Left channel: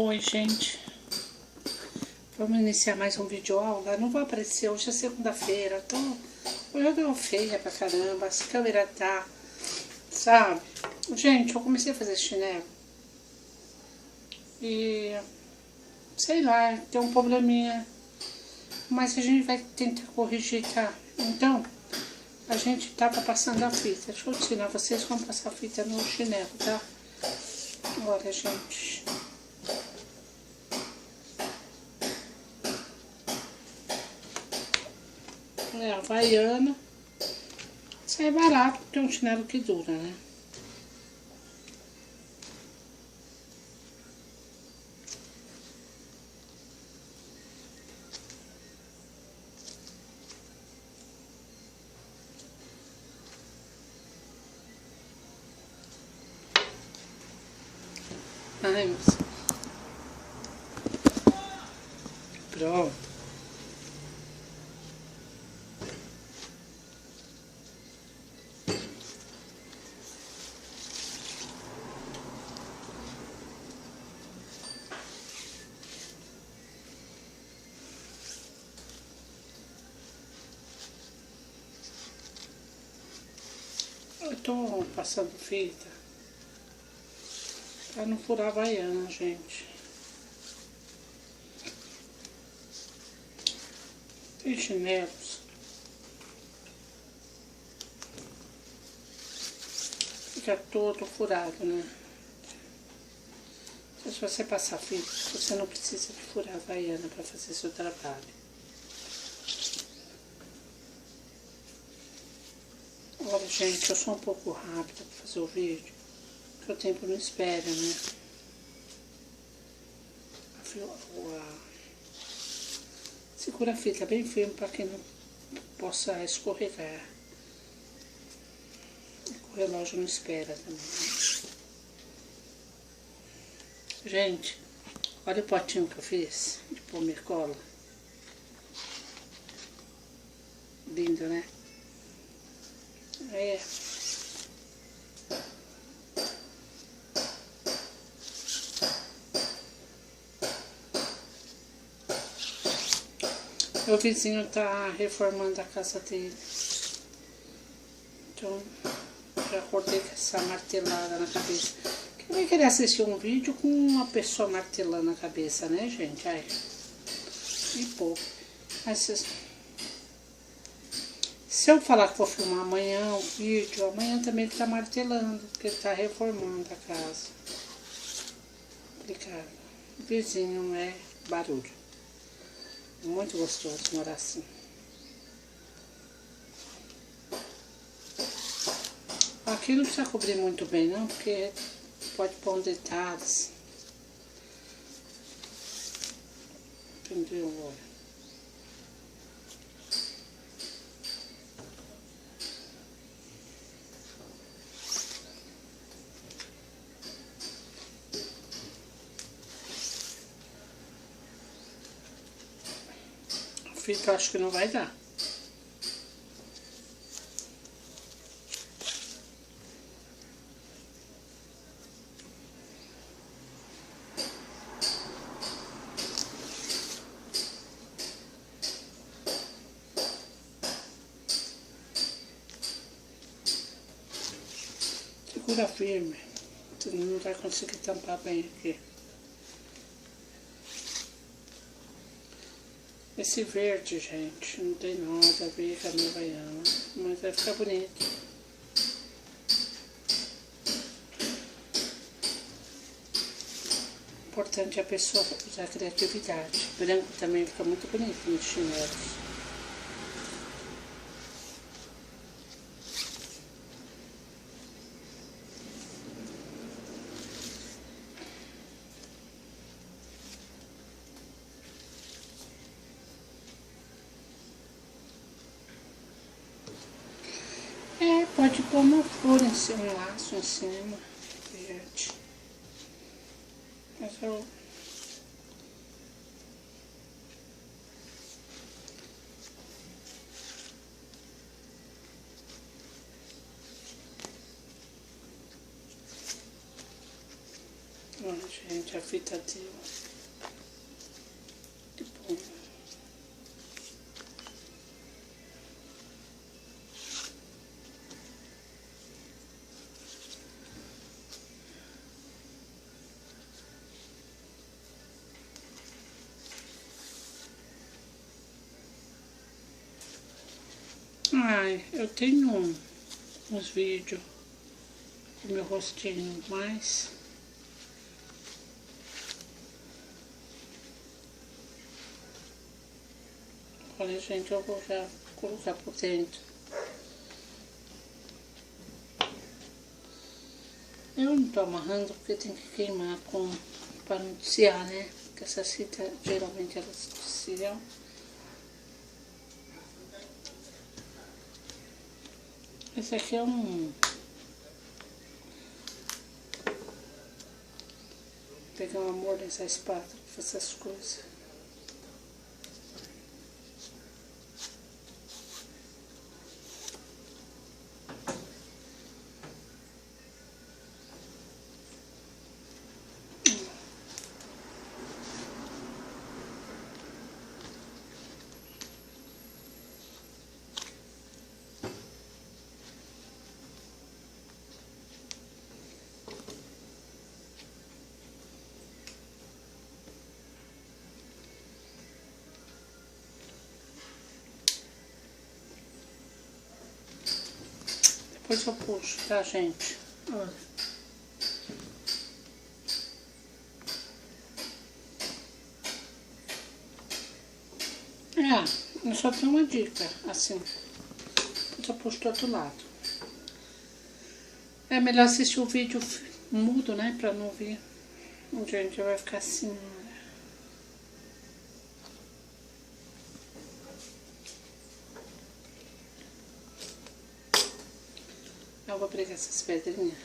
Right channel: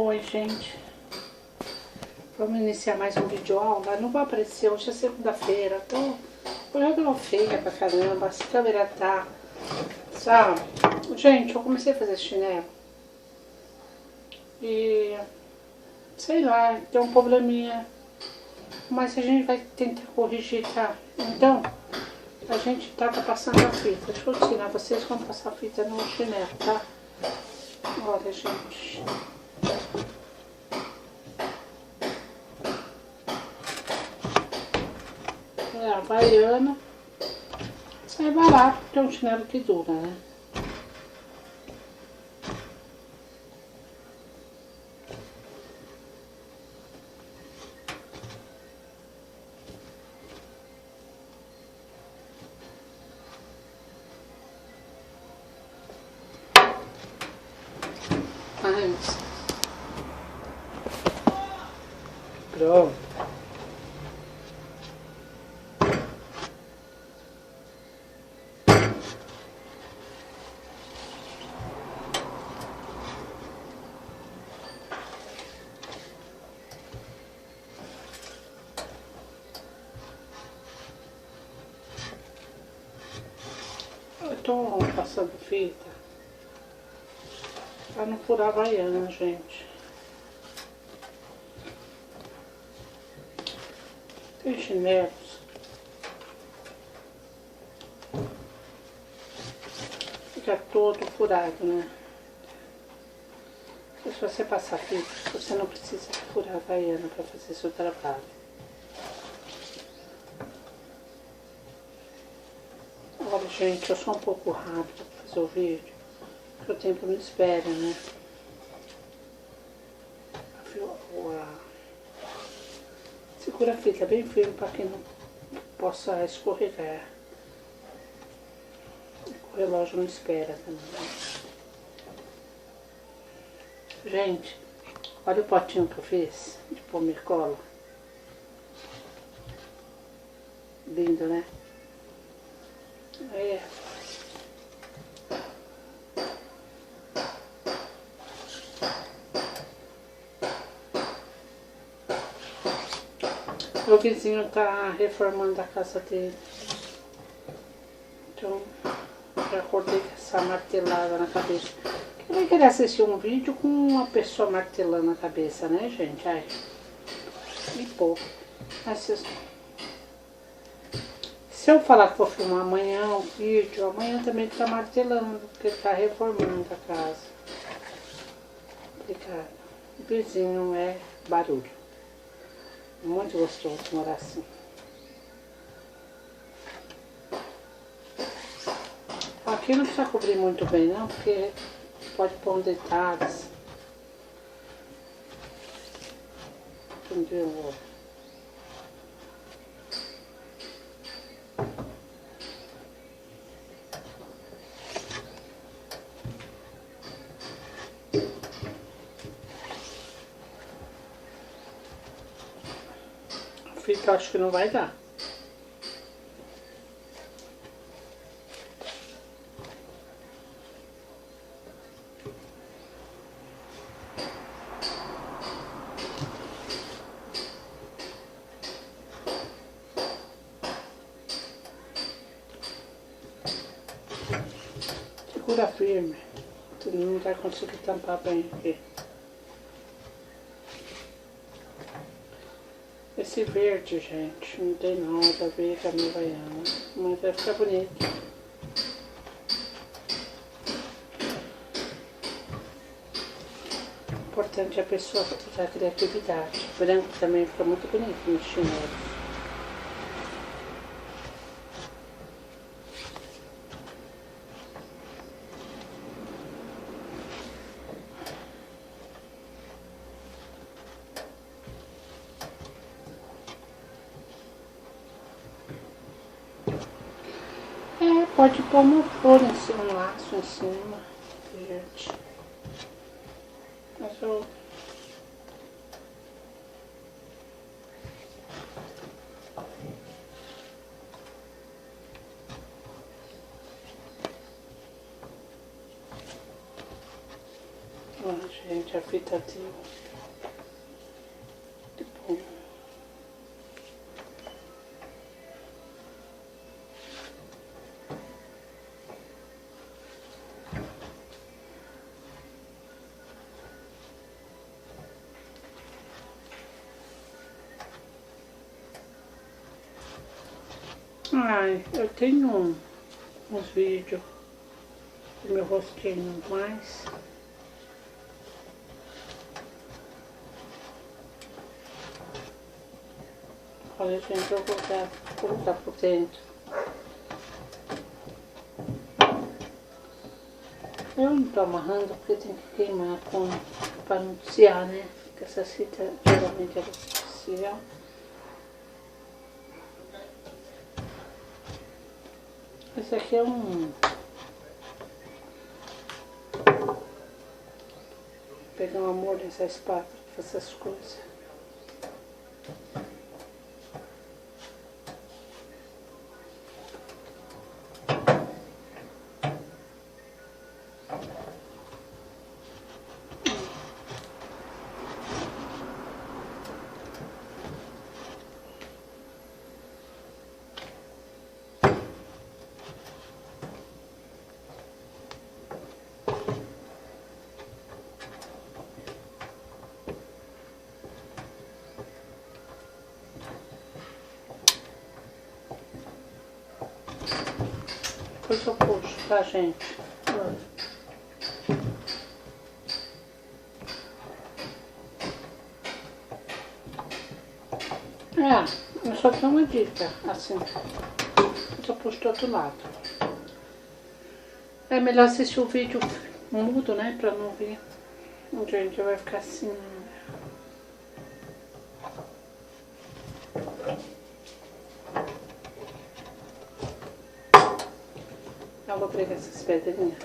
Oi, gente. Vamos iniciar mais um vídeo aula. Não vou aparecer, hoje é segunda-feira. Hoje eu tô feia pra caramba. A câmera tá... Sabe? Gente, eu comecei a fazer chinelo. E... sei lá, tem um probleminha. Mas a gente vai tentar corrigir, tá? Então, a gente tá passando a fita. Deixa eu ensinar. Vocês vão passar a fita no chinelo, tá? Olha, gente... É havaiana. Isso é barato, porque é um chinelo que dura, né? Ai, moça. Pronto. Eu tô passando fita pra não furar a havaiana, gente. Tem chinelos. Fica todo furado, né? Se você passar fita, você não precisa furar a havaiana pra fazer seu trabalho. Olha, gente, eu sou um pouco rápida pra fazer o vídeo, porque o tempo não espera, né? Segura a fita bem firme para que não possa escorregar. O relógio não espera também. Gente, olha o potinho que eu fiz de pomercola. Lindo, né? É. O vizinho tá reformando a casa dele. Então, já acordei com essa martelada na cabeça. Quem vai querer assistir um vídeo com uma pessoa martelando na cabeça, né, gente? Ai, que pouco. Se eu falar que vou filmar amanhã um vídeo, amanhã também ele tá martelando, porque ele tá reformando a casa. Complicado. O vizinho é barulho. Muito gostoso morar assim. Aqui não precisa cobrir muito bem não, porque pode pôr um detalhes. Entendeu? A fita acho que não vai dar. Segura firme, tu não vai conseguir tampar bem aqui. Esse verde, gente, não tem nada a ver com a minha havaiana, mas vai ficar bonito. O importante é a pessoa usar criatividade. Branco também fica muito bonito nos chinelos. É, pode pôr uma flor em cima, um laço em cima, verde. Mas eu... Ó, gente, gente, a fita de punho. Ai, eu tenho uns vídeos do meu rostinho, mas olha, gente, eu vou colocar por dentro. Eu não tô amarrando porque tem que queimar para não desciar, né? Porque essas fitas geralmente elas desciam. Esse aqui é um... Pegar um amor nessa espátula, fazer essas coisas. Depois eu puxo, tá, gente? Eu só tenho uma dica, assim, só puxo do outro lado. É melhor assistir o vídeo mudo, né, pra não ver. Gente, vai ficar assim. Eu vou pregar essas pedrinhas.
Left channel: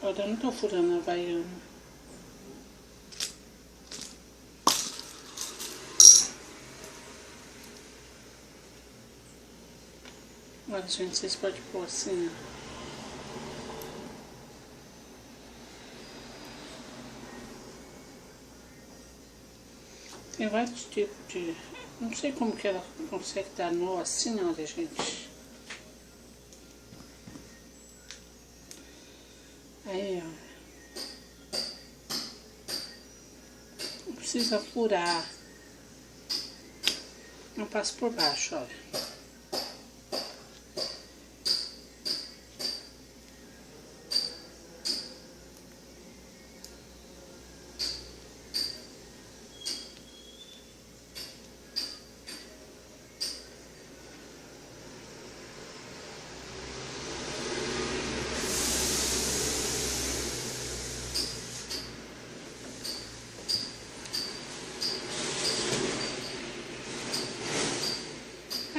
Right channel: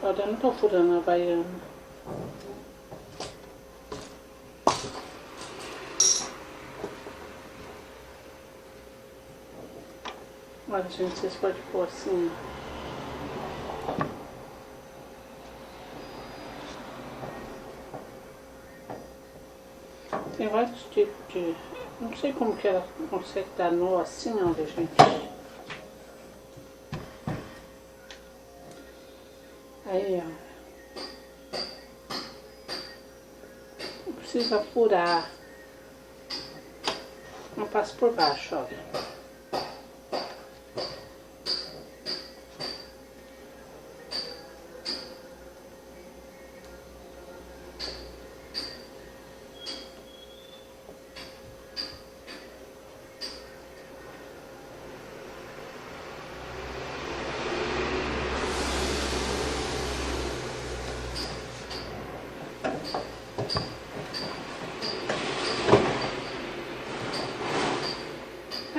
Olha, eu não tô furando a baiana. Olha, gente, vocês podem pôr assim, ó. Tem vários tipos de... Não sei como que ela consegue dar nó assim, olha, gente. Aí, ó. Não precisa furar. Eu passo por baixo, olha.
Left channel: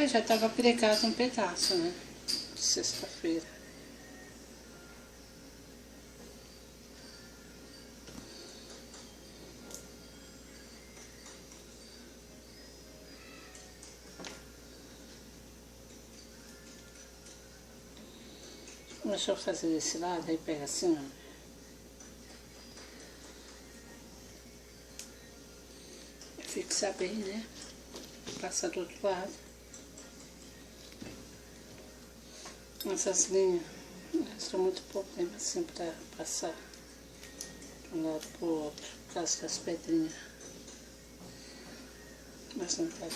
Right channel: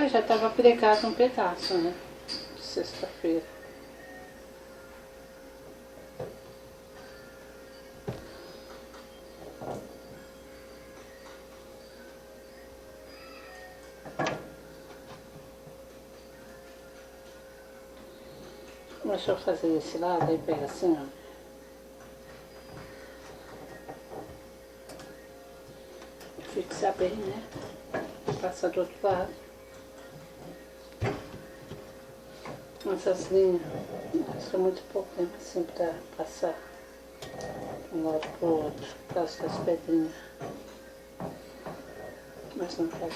Já estava pregado um pedaço, né? Sexta-feira. Deixa eu fazer esse lado, aí pega assim, ó. Fixar bem, né? Passar do outro lado. Essas linhas, são muito pouco tempo assim pra passar de um lado pro outro, por causa das pedrinhas. Mas não tá.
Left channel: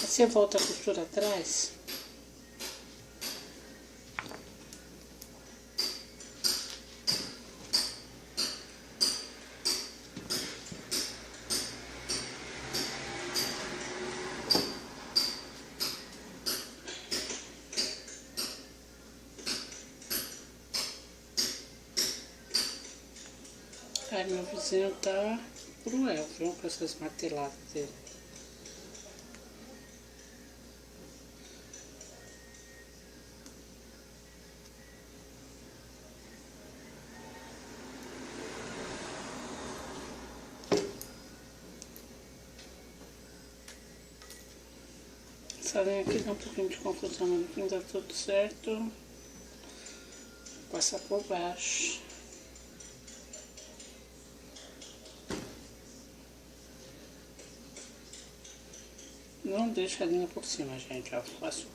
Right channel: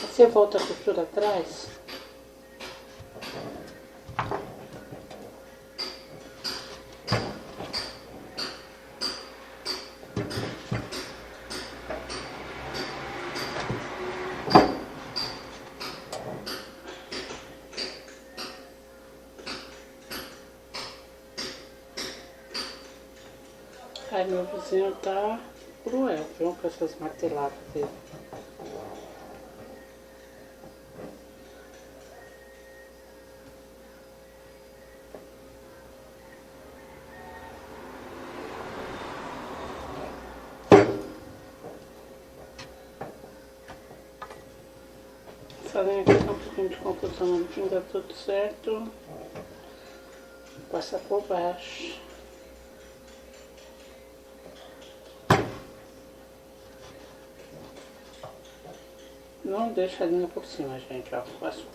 Você volta a costura atrás. Aí meu vizinho tá cruel, viu? Com essas marteladas dele. Essa linha aqui tá um pouquinho de confusão, mas no fim dá tudo certo. Passa por baixo. Não deixa a linha por cima, gente, ó. Passo.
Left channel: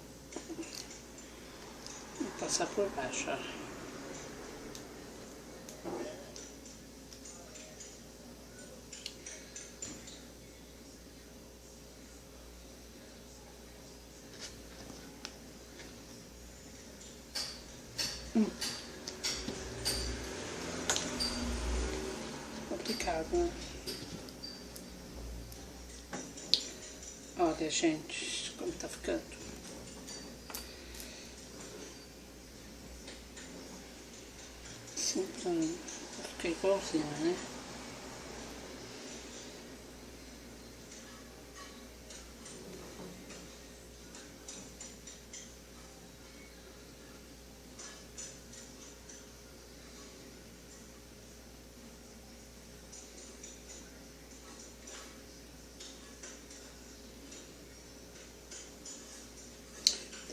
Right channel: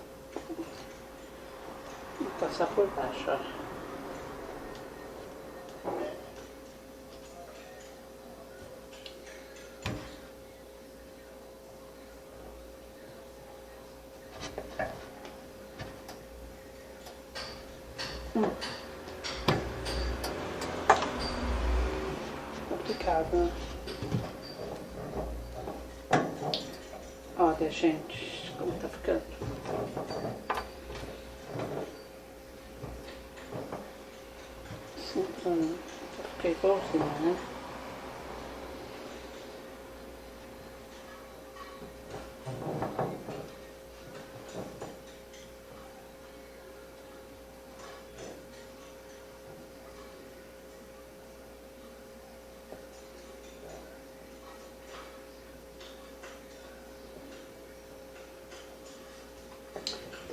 Vou passar por baixo, ó. Complicado, né? Olha, gente, como tá ficando. Assim, pra ficar igualzinho, né?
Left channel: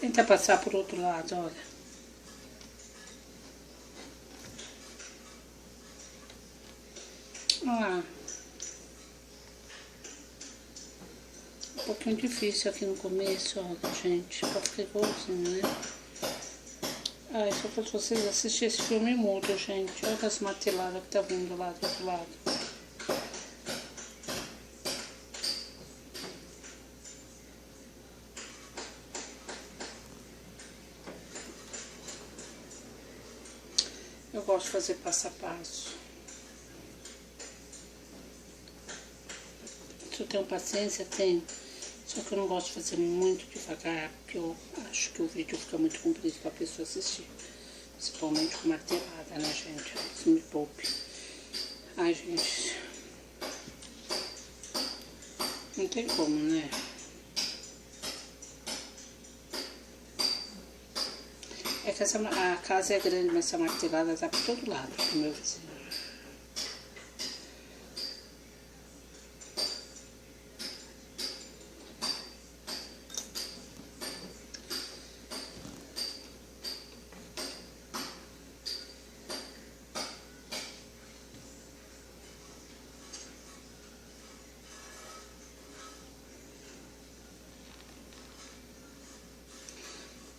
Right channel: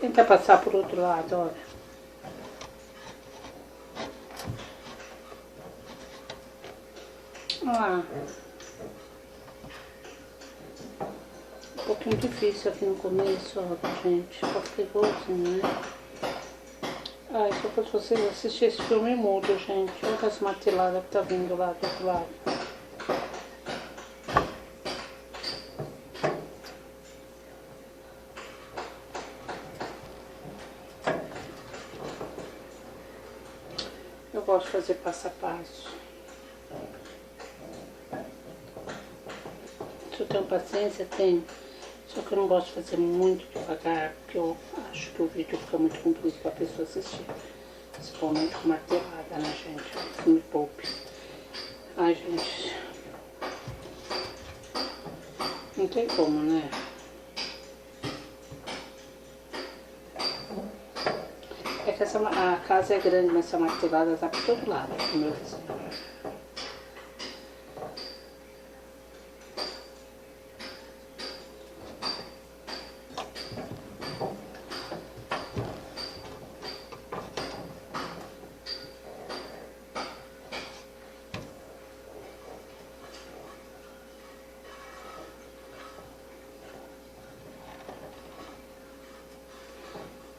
Tenta passar por outro lado, olha. Olha lá. Um pouquinho difícil aqui no começo, olha, gente. Pra ficar igualzinho, né? Ai, só pra vocês assistirem esse filme mudo, gente. Olha as marteladas que tá vindo lá do outro lado. Eu gosto de fazer passo a passo. Se eu tenho paciência, tenho. Só que eu não gosto de fazer muito devagar, porque eu acho que o vídeo fica muito comprido pra pessoa assistir. Principalmente com martelada, né, gente? Isso me poupe. Ai, gente. Não tem como, né? É que a casa é grande, mas essa martelada tá por todo lado do meu vizinho.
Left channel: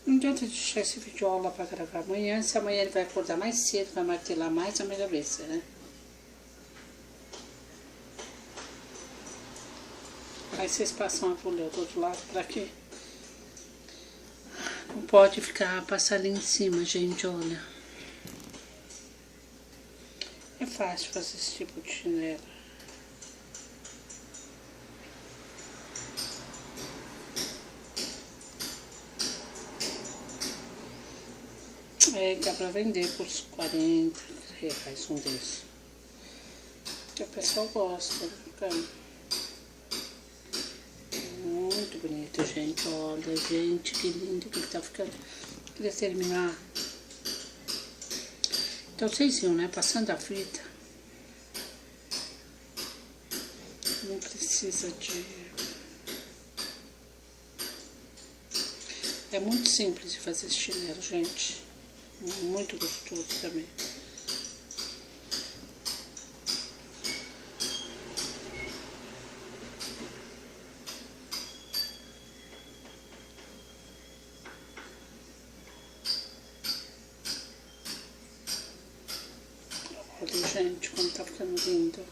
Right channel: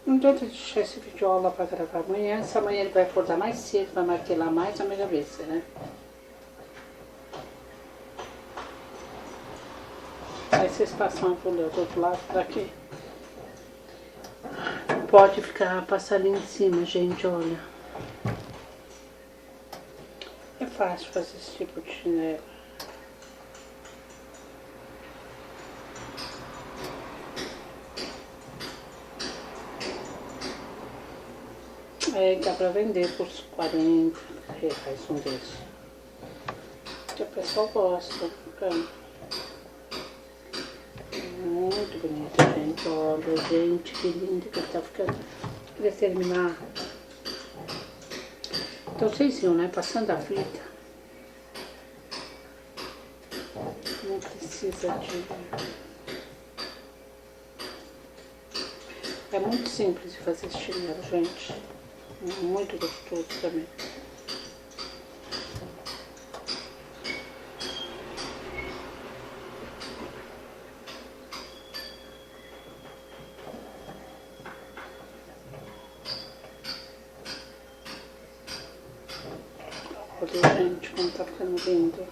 Não adianta deixar esse vídeo aula pra gravar amanhã, se amanhã ele vai acordar mais cedo, vai martelar mais na minha cabeça, né? Aí vocês passam a folha do outro lado daqui. Não pode ficar, passar ali em cima, gente, olha. É fácil fazer esse tipo de chinelo. É, dá pra vender por uns 40 reais um desses. Que o pessoal gosta, cara. Muito bonito, gente. Olha, gente, que lindo que ele tá ficando. Queria terminar. Então vocês viram, né? Passando a fita. Não precisa de... É muito simples de fazer esse chinelo, gente. Muito gostoso também. Olha, gente, como tá ficando lindo.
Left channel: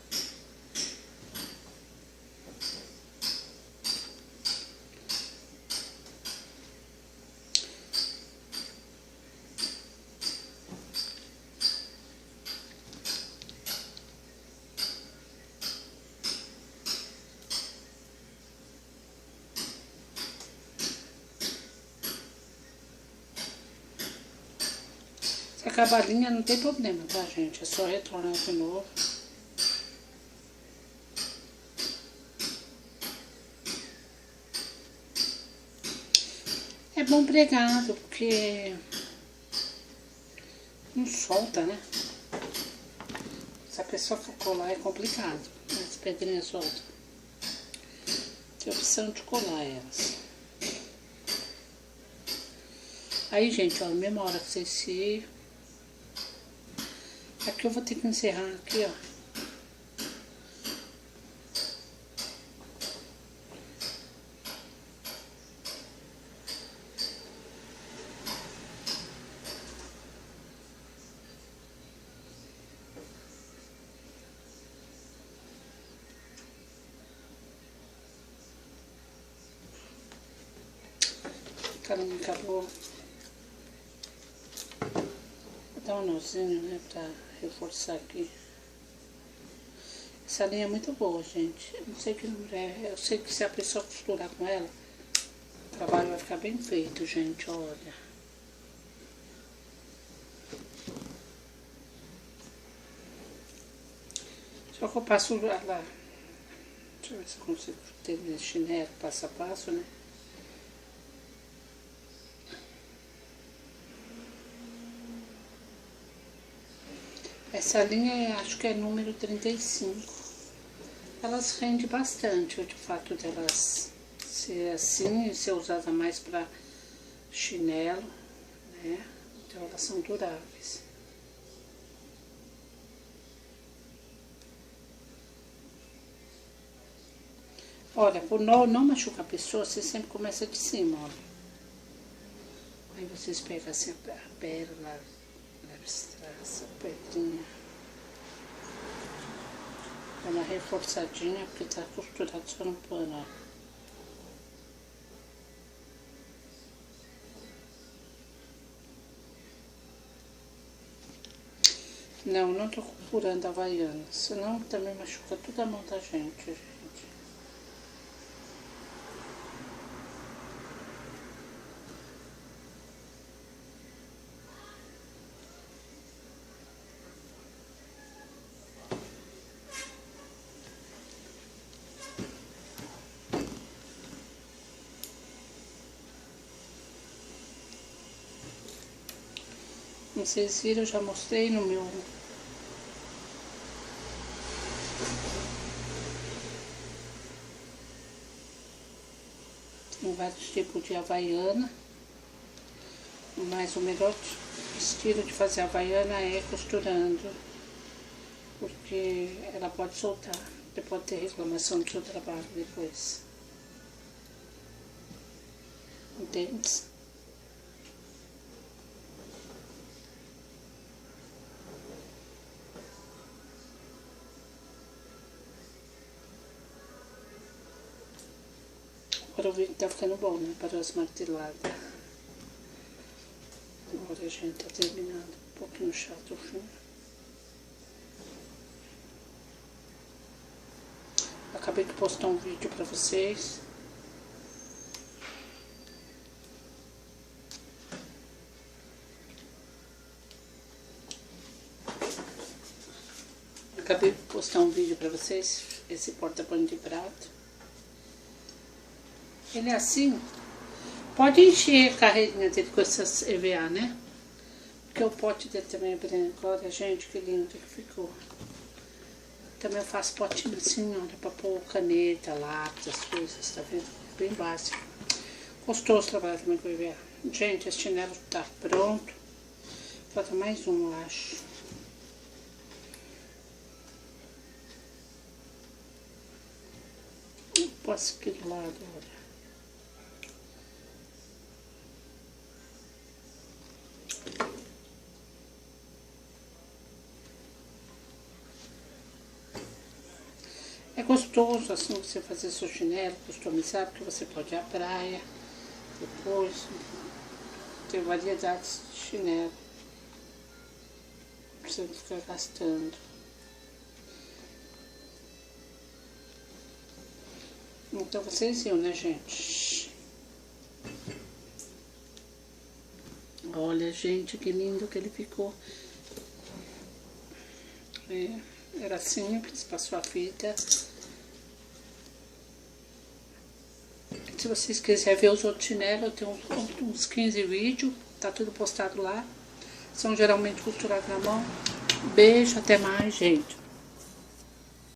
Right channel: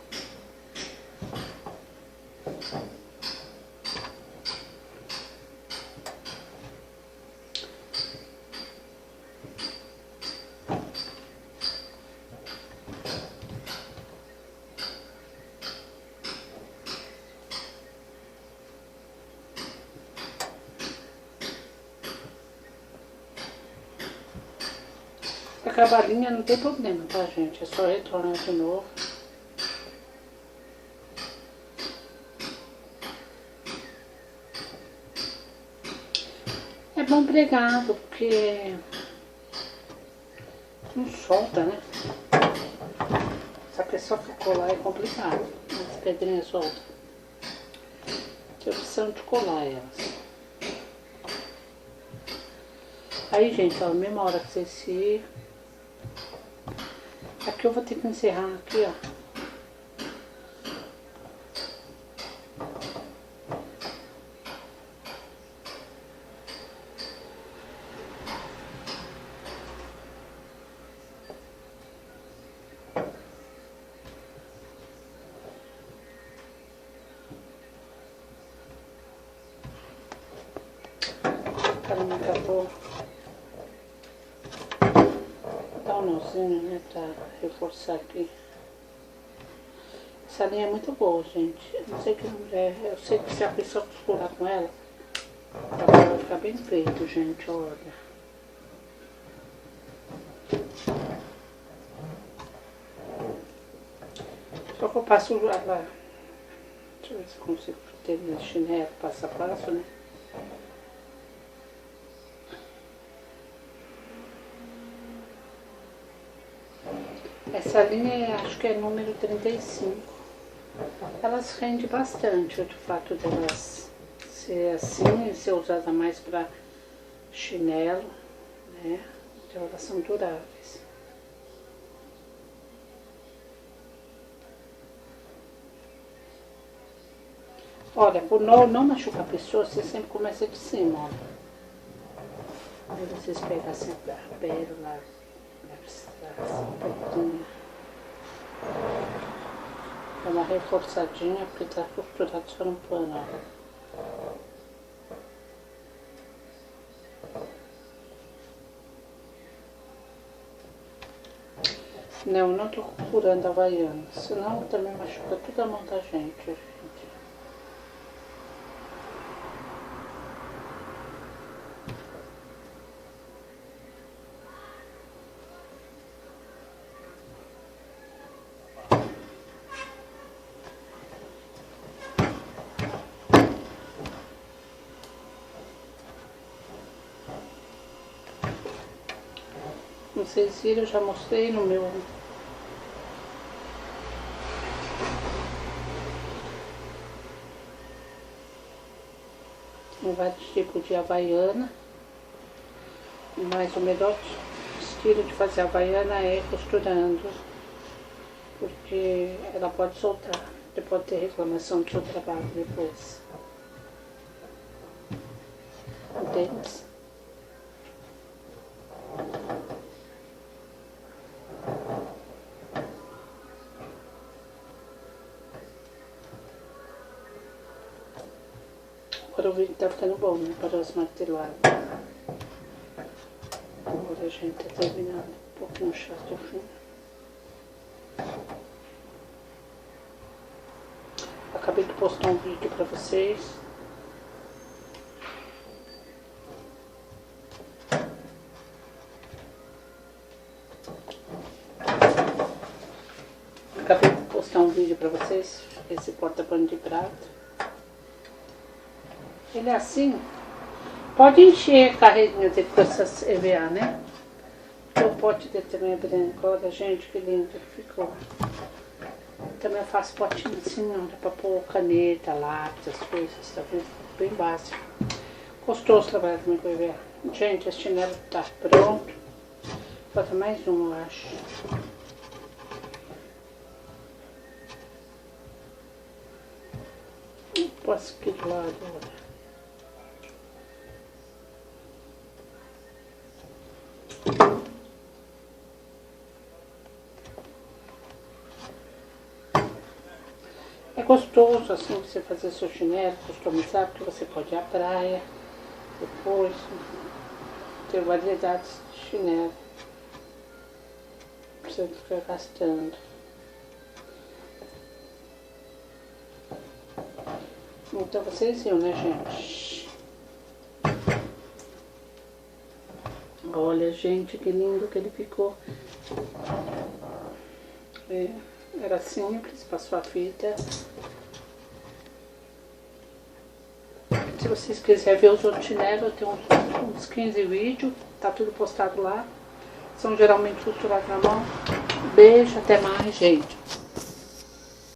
Se acabar a linha não tem problema, tá, gente? É só retornar de novo. É bom pregado, porque não solta, né? Se a pessoa for colar é complicado. As pedrinhas soltam. Tem opção de colar elas. Aí, gente, ó, mesma hora que vocês se... Aqui eu vou ter que encerrar aqui, ó. Carinha acabou. Dá um nozinho, né, pra reforçar aqui. Essa linha é muito boa, gente. Eu sei que se a pessoa costurar com ela, o trabalho vai ficar bem feito, gente, olha. Só que eu passo ela... Deixa eu ver se eu consigo terminar esse chinelo passo a passo, né? Essa linha, acho que é número 35. Elas rendem bastante, o fato delas ser assim, ser usada mais para chinelo, né? Então elas são duráveis. Olha, por não machucar a pessoa, você sempre começa de cima, ó. Aí vocês pegam sempre a pérola, abstração, pedrinha. Dá uma reforçadinha, porque tá costurado só no pano, ó. Não tô costurando a havaiana, senão também machuca toda a mão da gente. Como vocês viram, eu já mostrei no meu... Tem vários tipos de havaiana, mas o melhor estilo de fazer havaiana é costurando, porque ela pode soltar, você pode ter reclamação do seu trabalho depois. Entende? Agora o vídeo tá ficando bom, né? Para as marteladas. Agora a gente tá terminando um pouquinho chato o fim. Acabei de postar um vídeo para vocês. Acabei de postar um vídeo para vocês, esse porta-pano de prato. Ele é assim, pode encher a carreirinha dele com essas EVA, né? O pote dele também é branco, olha gente que lindo que ficou. Também eu faço potinho assim, olha, pra pôr caneta, lápis, as coisas, tá vendo? Bem básico. Gostoso trabalhar também com EVA. Gente, esse chinelo tá pronto. Falta mais um, eu acho. Posso aqui do lado, olha. É gostoso assim você fazer seu chinelo, customizar, porque você pode ir à praia, depois ter variedades de chinelo, pra você ficar gastando. Então vocês viram, né, gente? Olha, gente, que lindo que ele ficou. Era simples, passou a fita. Se vocês quiserem ver os outros chinelos, eu tenho uns 15 vídeos, tá tudo postado lá. São geralmente costurados na mão. Beijo, até mais, gente.